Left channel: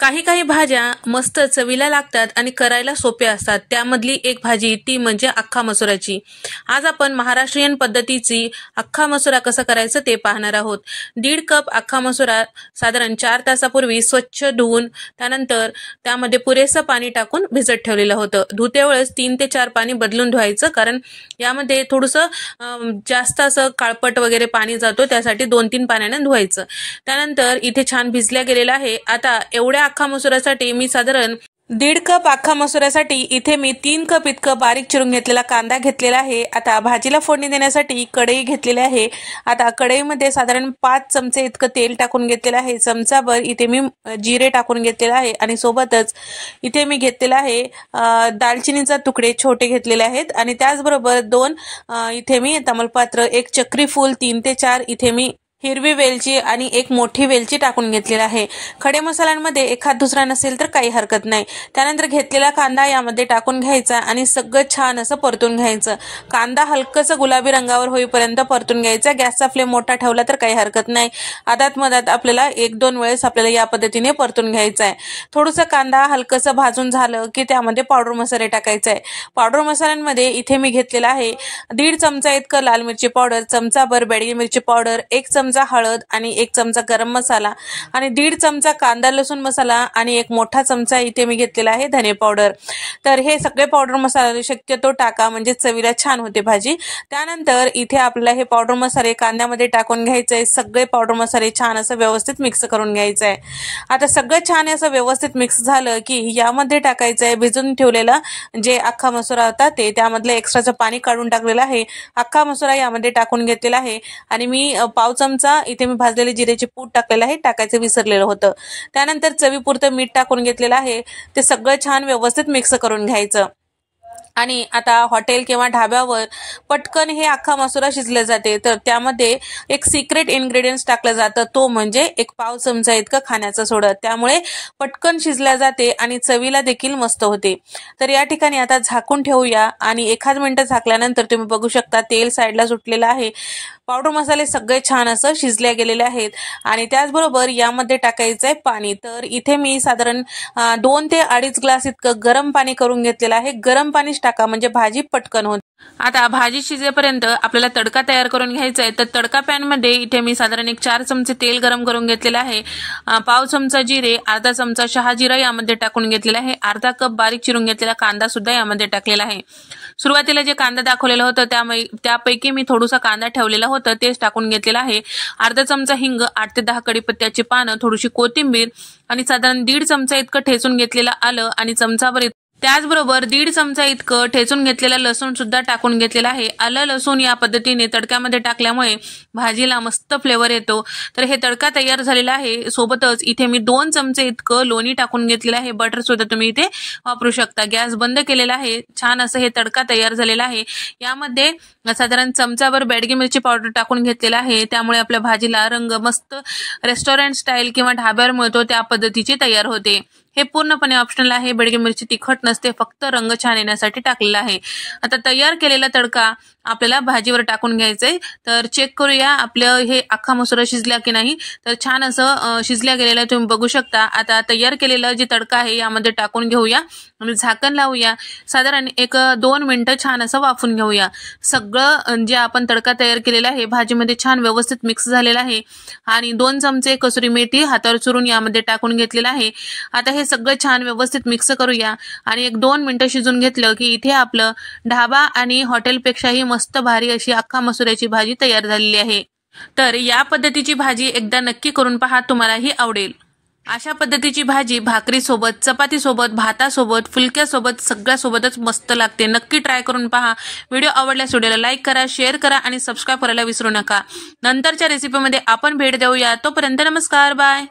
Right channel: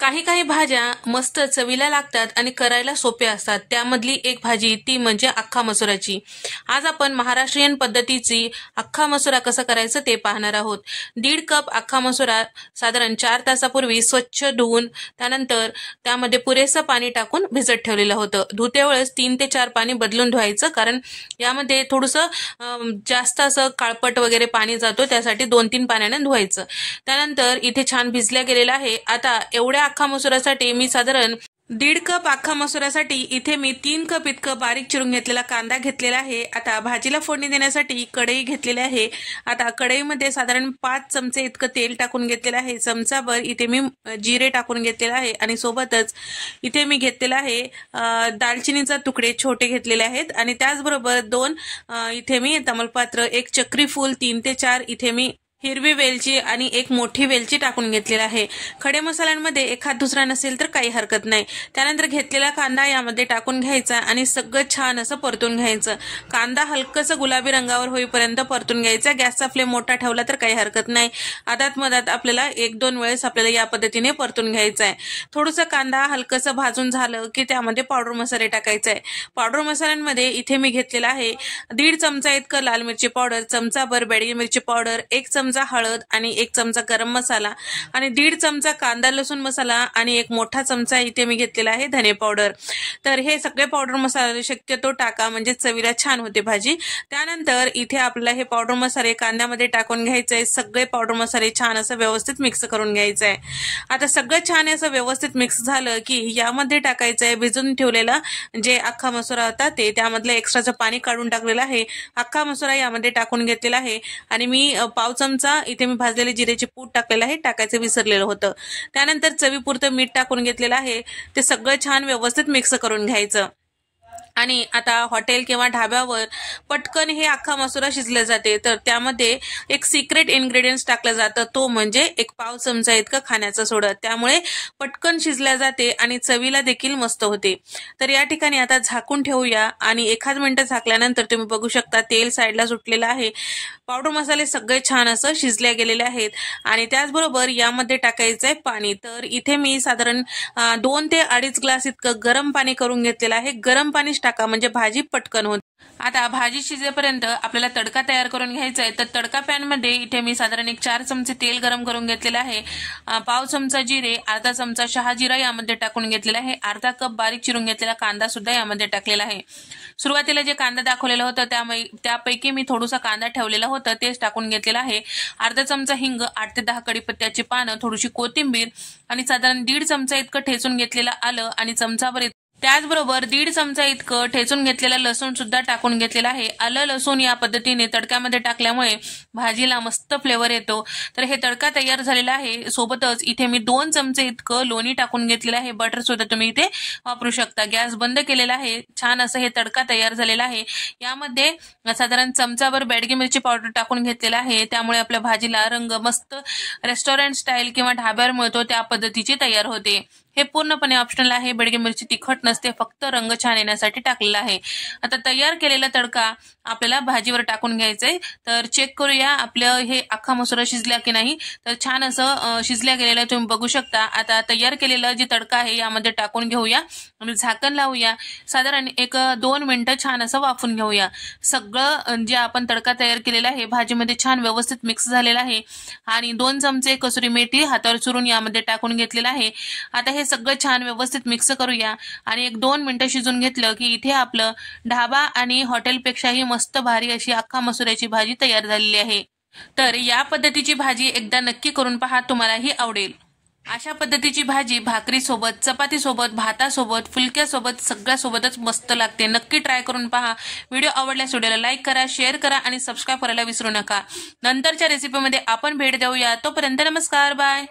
काही काही भाज्या मस्त चवीला लागतात आणि करायला सोप्या असतात. त्यामधली एक भाजी ती म्हणजे अख्खा मसुराची. आज आपण महाराष्ट्रीयन पद्धतीची अख्खा मसुरा कसं करायचं ते पाहणार आहोत. 1.5 कप अख्खा मसुरा साधारण 4 तासापूर्वी स्वच्छ धुवून त्यानंतर त्यामध्ये पुरेसं पाणी टाकून भिजत ठेवलेलं होतं. धुते वेळेस 3 ते 4 पाणी बदलून धुवायचं, कारण यामध्ये थोडंसं जास्त असं काळपट वगैरे पाणी जातो, त्यासाठी 2-3 पाण्याने धुवायचं. त्यानंतर इथे छान भिजल्या गेलेला आहे. आता एवढ्या अख्खा मसुरासाठी मी साधारण 1.5 कप अख्खा मसुरासाठी इथे मी 3 कप इतकं बारीक चिरून घेतलेला कांदा घेतलेला आहे. आता भाजीला फोडणी देण्यासाठी कढई घेतलेली आहे. आता कढईमध्ये साधारण 5 चमचे इतकं तेल टाकून घेतलेलं आहे. चमचाभर इथे मी जिरे टाकून घेतलेला आहे आणि सोबतच इथे मी घेतलेला आहे दालचिनीचा तुकडे छोटे घेतलेले आहेत आणि त्याचबरोबर 2 इथे मी तमालपत्र, 1 चक्री फूल, 3 ते 4 इथे मी हिरवी वेलची आणि 1 मोठी वेलची टाकून घेतलेला आहे. खडे मसाल्यांमध्ये एखाद दुसरा नसेल तर काही हरकत नाही. त्यानंतर घेतलेला कांदा यामध्ये टाकून घ्यायचा आणि सगळं छान असं परतून घ्यायचं. कांदा हलकसं गुलाबी रंगावर होईपर्यंत परतून घ्यायचा. गॅसचा फ्लेम मोठा ठेवला तर काही हरकत नाही. आदात मधात आपल्याला 1-2 वेळेस आपल्याला या पद्धतीने परतून घ्यायचा आहे. थोडंसं कांदा हलकसं भाजून झालं की त्यामध्ये पावडर मसाले टाकायचे आहे. पावडर मसाल्यांमध्ये इथे मी घेतलेला आहे 1.5 चमचा इतकं लाल मिरची पावडर, चमचाभर बेडगी मिरची पावडर, 1 चमचा हळद आणि 1 चमचा गरम मसाला आणि 1.5 चमचा कांदा लसूण मसाला आणि 1 मोठा चमचा इथे मी घेतलेला आहे धने पावडर. तर हे सगळे पावडर मसाले शक्यतो टाका, म्हणजे चवीला छान होते भाजी. त्यानंतर इथे आपल्याला हे पावडर मसाले कांद्यामध्ये टाकून घ्यायचे. सगळे पावडर मसाले छान असं व्यवस्थित मिक्स करून घ्यायचं आहे. आता सगळं छान असं व्यवस्थित मिक्स झालं की यामध्ये टाकायचं आहे भिजून ठेवलेला जे अख्खा मसुरा होता ते, त्यामधलं एक्स्ट्राचं पाणी काढून टाकलेलं आहे. अख्खा मसुरा यामध्ये टाकून घेतलेला आहे आणि मी पाव चमचा इथे मी भाजलेले जिरेचे पूड टाकलेलं आहे, टाकायचं विसरलेलं होतं. त्यानंतर चवीपुरतं मीठ टाकून घेतलेलं आहे. ते सगळं छान व्यवस्थित मिक्स करून घ्यायचं. आणि आता हॉटेल किंवा ढाब्यावर पटकन हे अख्खा मसुरा शिजले जाते, तर त्यामध्ये एक सिक्रेट इन्ग्रेडियंट्स टाकलं जातं, तो म्हणजे 1 पाव चमचा इतकं खाण्याचं सोडा. त्यामुळे पटकन शिजल्या जाते आणि चवीला देखील मस्त होते. तर या ठिकाणी आता झाकून ठेवूया आणि 1 मिनिट झाकल्यानंतर तुम्ही बघू शकता तेल साईडला सुटलेलं आहे. पावडर मसाले सगळे छान असं शिजले गेलेले आहेत आणि त्याचबरोबर यामध्ये टाकायचं आहे पाणी. तर इथे मी साधारण 2 ते 2.5 ग्लास इतकं गरम पाणी करून घेतलेलं आहे. गरम पाणीच टाका, म्हणजे भाजी पटकन होते. आता भाजी शिजेपर्यंत आपल्याला तडका तयार करून घ्यायचा आहे. तर तडका पॅन मध्ये इथे मी साधारण 4 चमचे तेल गरम करून घेतलेलं आहे. पाव चमचा जिरे, अर्धा चमचा शहाजिरा यामध्ये टाकून घेतलेला आहे. अर्धा कप बारीक चिरून घेतलेला कांदा सुद्धा यामध्ये टाकलेला आहे. सुरुवातीला जे कांदा दाखवलेला होतं त्यापैकी मी थोडासा कांदा ठेवलेला होता, तेच टाकून घेतलेला आहे. अर्धा चमचा हिंग, 8 ते 10 कढीपत्त्याची पानं, थोडीशी कोथिंबीर आणि साधारण 1.5 चमचा इतकं ठेचून घेतलेलं आलं आणि चमचाभर त्याचबरोबर 1.5 चमचा इतकं ठेचून घेतलेला लसूण सुद्धा टाकून घेतलेला आहे. आलं लसूण या पद्धतीने तडक्यामध्ये टाकल्यामुळे भाजीला मस्त फ्लेवर येतो. तर हे तडका तयार झालेला आहे. सोबतच इथे मी 2 चमचे इतकं लोणी टाकून घेतलेलं आहे. बटर सुद्धा तुम्ही इथे वापरू शकता. गॅस बंद केलेला आहे. छान असं हे तडका तयार झालेला आहे. यामध्ये साधारण चमचाभर बेडगी मिरची पावडर टाकून घेतलेला आहे. त्यामुळे आपल्या भाजीला रंग मस्त रेस्टॉरंट स्टाईल किंवा ढाब्यावर मिळतो त्या पद्धतीची तयार होते. हे पूर्णपणे ऑप्शनल आहे. बेडगी मिरची तिखट नसते, फक्त रंग छान येण्यासाठी टाकलेला आहे. आता तयार केलेला तडका आपल्याला भाजीवर टाकून घ्यायचंय. तर चेक करूया आपलं हे अख्खा मसुरा शिजला की नाही. तर छान असं शिजल्या गेलेला तुम्ही बघू शकता. आता तयार केलेला जे तडका आहे यामध्ये टाकून घेऊया आणि झाकण लावूया. साधारण 1-2 मिनिटं छान असं वाफून घेऊया. सगळं जे आपण तडका तयार केलेला आहे भाजीमध्ये छान व्यवस्थित मिक्स झालेला आहे आणि 2 चमचे कसुरी मेथी हातावर चुरून यामध्ये टाकून घेतलेला आहे. आता हे सगळं छान व्यवस्थित मिक्स करूया आणि 1-2 मिनिटं शिजून घेतलं की इथे आपलं ढाबा आणि हॉटेलपेक्षाही मस्त भारी अशी अख्खा मसुऱ्याची भाजी तयार झालेली आहे. तर या पद्धतीची भाजी एकदा नक्की करून पहा, तुम्हालाही आवडेल. अशा पद्धतीची भाजी भाकरीसोबत, चपातीसोबत, भातासोबत, फुलक्यासोबत सगळ्यासोबतच मस्त लागते. नक्की ट्राय करून पहा. व्हिडिओ आवडल्यास व्हिडिओला लाईक करा, शेअर करा आणि सबस्क्राईब करायला विसरू नका. नंतरच्या रेसिपीमध्ये आपण भेट देऊया. तोपर्यंत नमस्कार, बाय.